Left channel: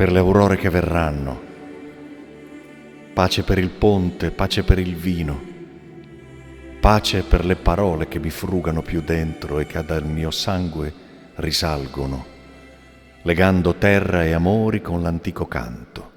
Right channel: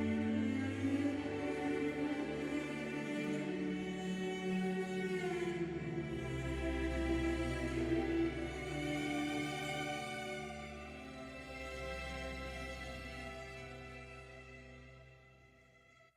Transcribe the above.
per le aurore che verranno. Pace per il ponte, pace per il vino, pace per le parole che mi frugano più dentro e che dal mio sangue risalgono, legando terra e amori con l'antico canto.